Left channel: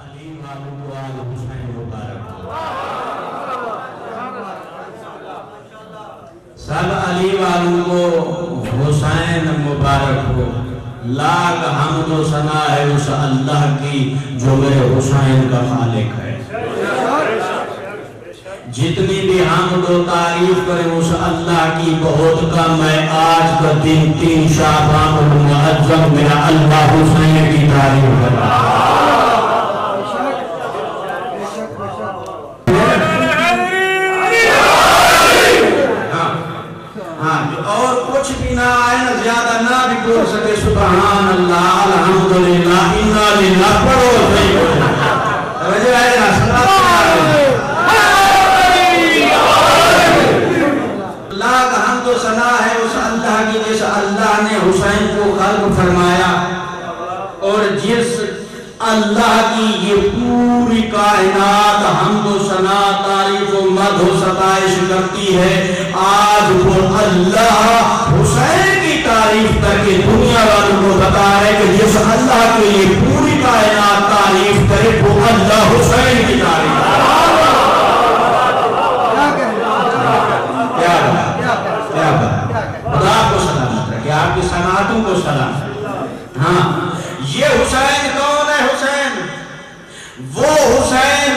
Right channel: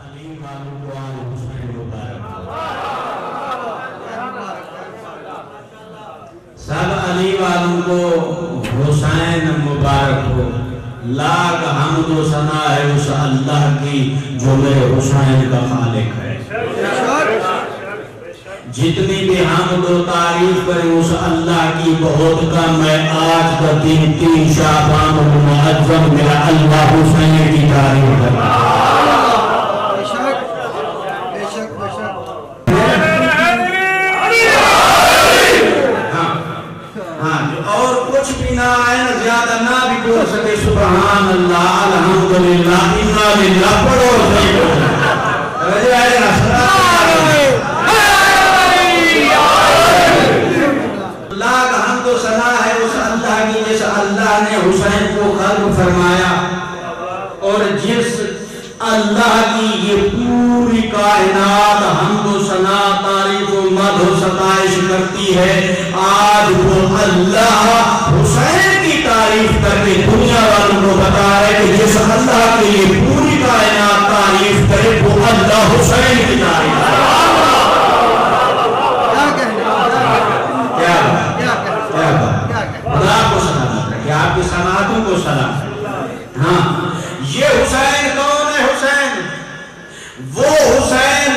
علی والوں کو آل حسین مبارک ہو، سب علی والوں کو حسین مبارک ہو۔ لاکھ حمد و ثنا ہے اس اللہ کی جو میرے حسین کا خالق ہے۔ جتنی بھی حمد و تعریف کرے اس اللہ کی بہت کم ہے۔ آج کا دن 3 شعبان المعظم میرا اللہ حسین کی تعریف ہے۔ اور کچھ بھی نہ آئے نا، زیادہ نہ بھی بول سکے سبحان اللہ الحمدللہ انا للہ پڑھو صحیح ہو جائے اللہ کا حمد و ثنا ہے اس اللہ کی جس اللہ نے حسین کو خلق فرمایا، اور جس اللہ کی یہ پوری کائنات حمد و ثنا تعریف و مدح و ستائش کرتی ہے، آج وہ اللہ حسین کی تعریف کر کے دنیا والوں کو بتا رہے کہ جس اللہ کی یہ پوری کائنات تعریف کرے وہ اللہ حسین کی تعریف کرے۔ خدا کو سلامت رکھے، آپ کی سماعتوں کو سلامت رکھے۔ ہاں، یہ حسین کون ہے؟ حسین وہ حسین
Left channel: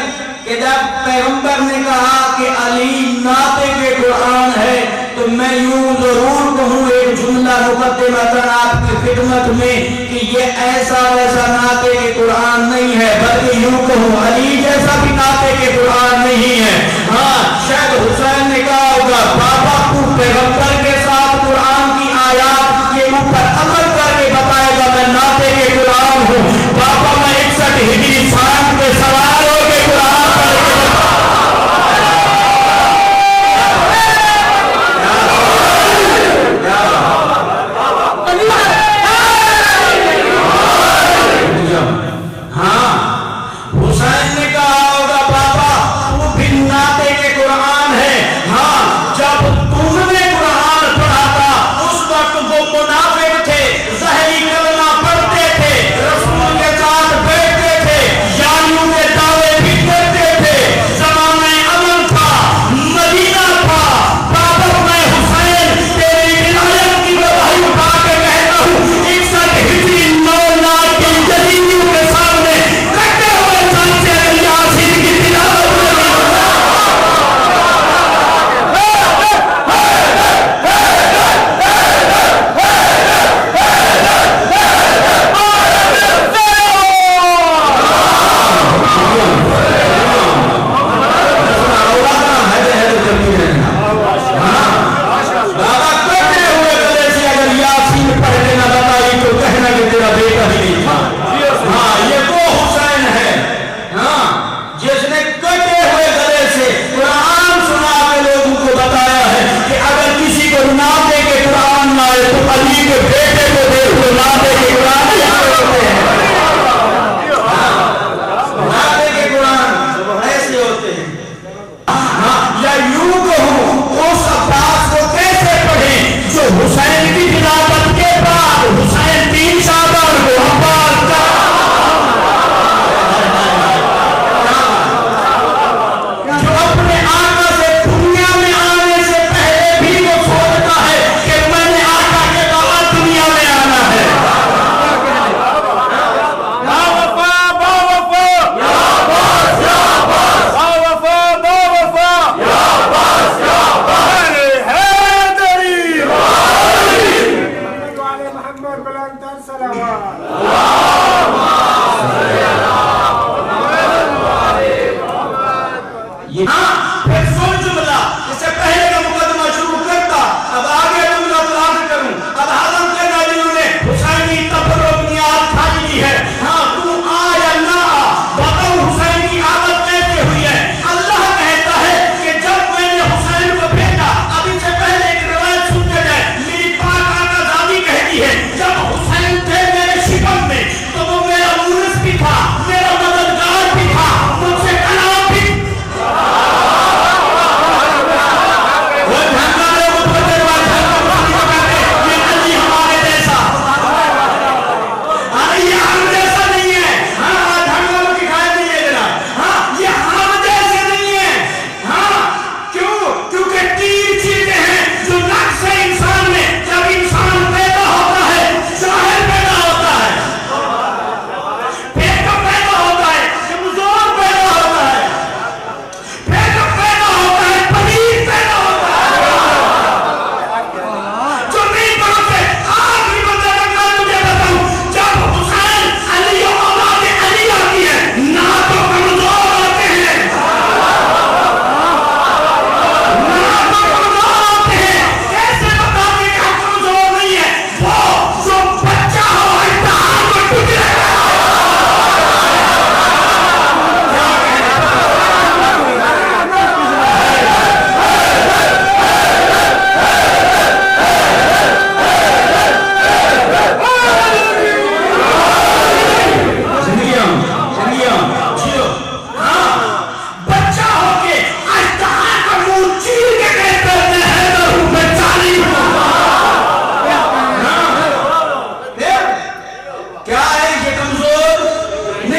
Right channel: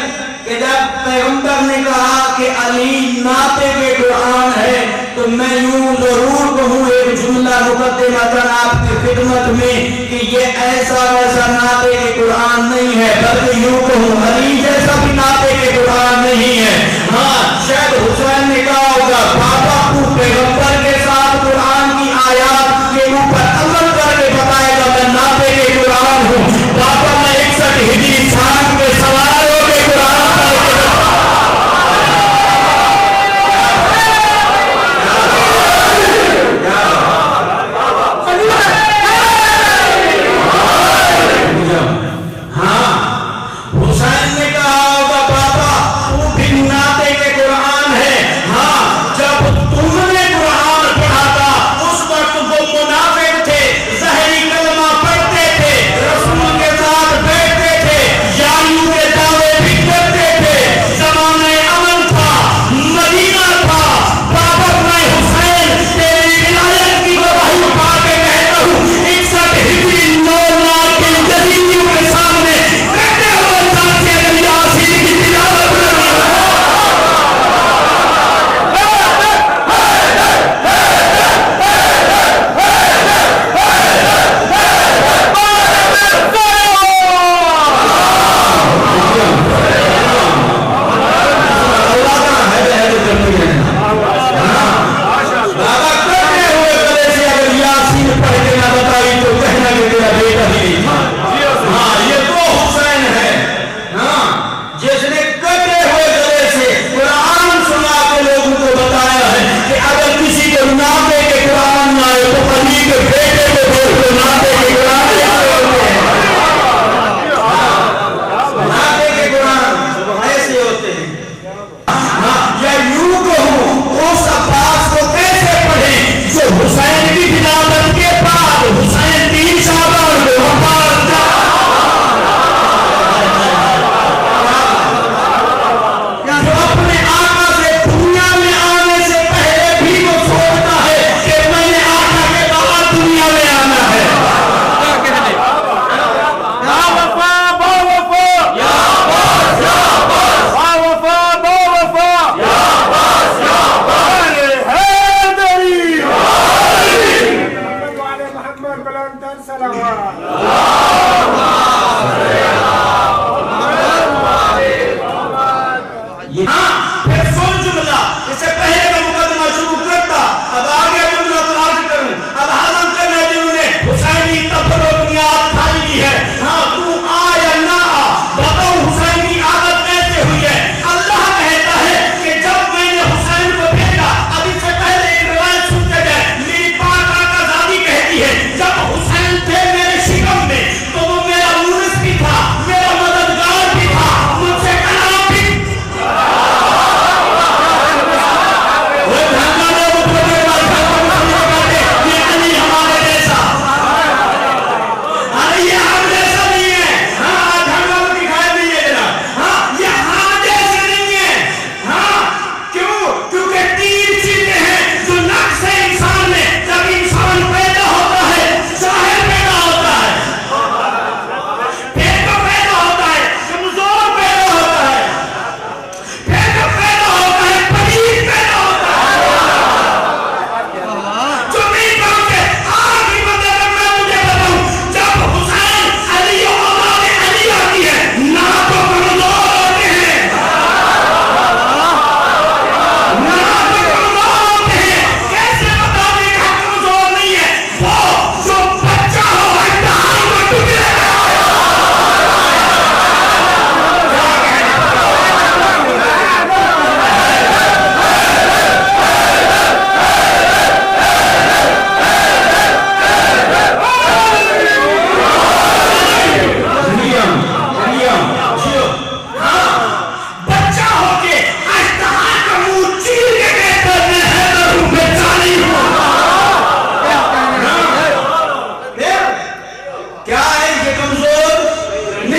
کہ جب پیغمبر نے کہا کہ علی ناطق قرآن ہے تو میں یوں ضرور کہوں ایک جملہ مقدمتاً آپ کی خدمت میں کہ یہ ایسا ویسا ناطق قرآن نہیں ہے، بلکہ یوں کہوں علی جیسا بھی ناطق قرآن نہیں ہے۔ ہاں، شاید حسین نے کہا ہوگا بابا تو پیغمبر کے ساتھ قرآن کی آیات کے اوپر عمل کر کے بتائے گا میں ناطق قرآن ہوں۔ بابا میں 61 ہجری سال میں سوار ہو کے قرآن قرآن ہے۔ ہاں، جب تم نے قرآن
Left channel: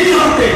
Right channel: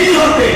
نہیں ہوتے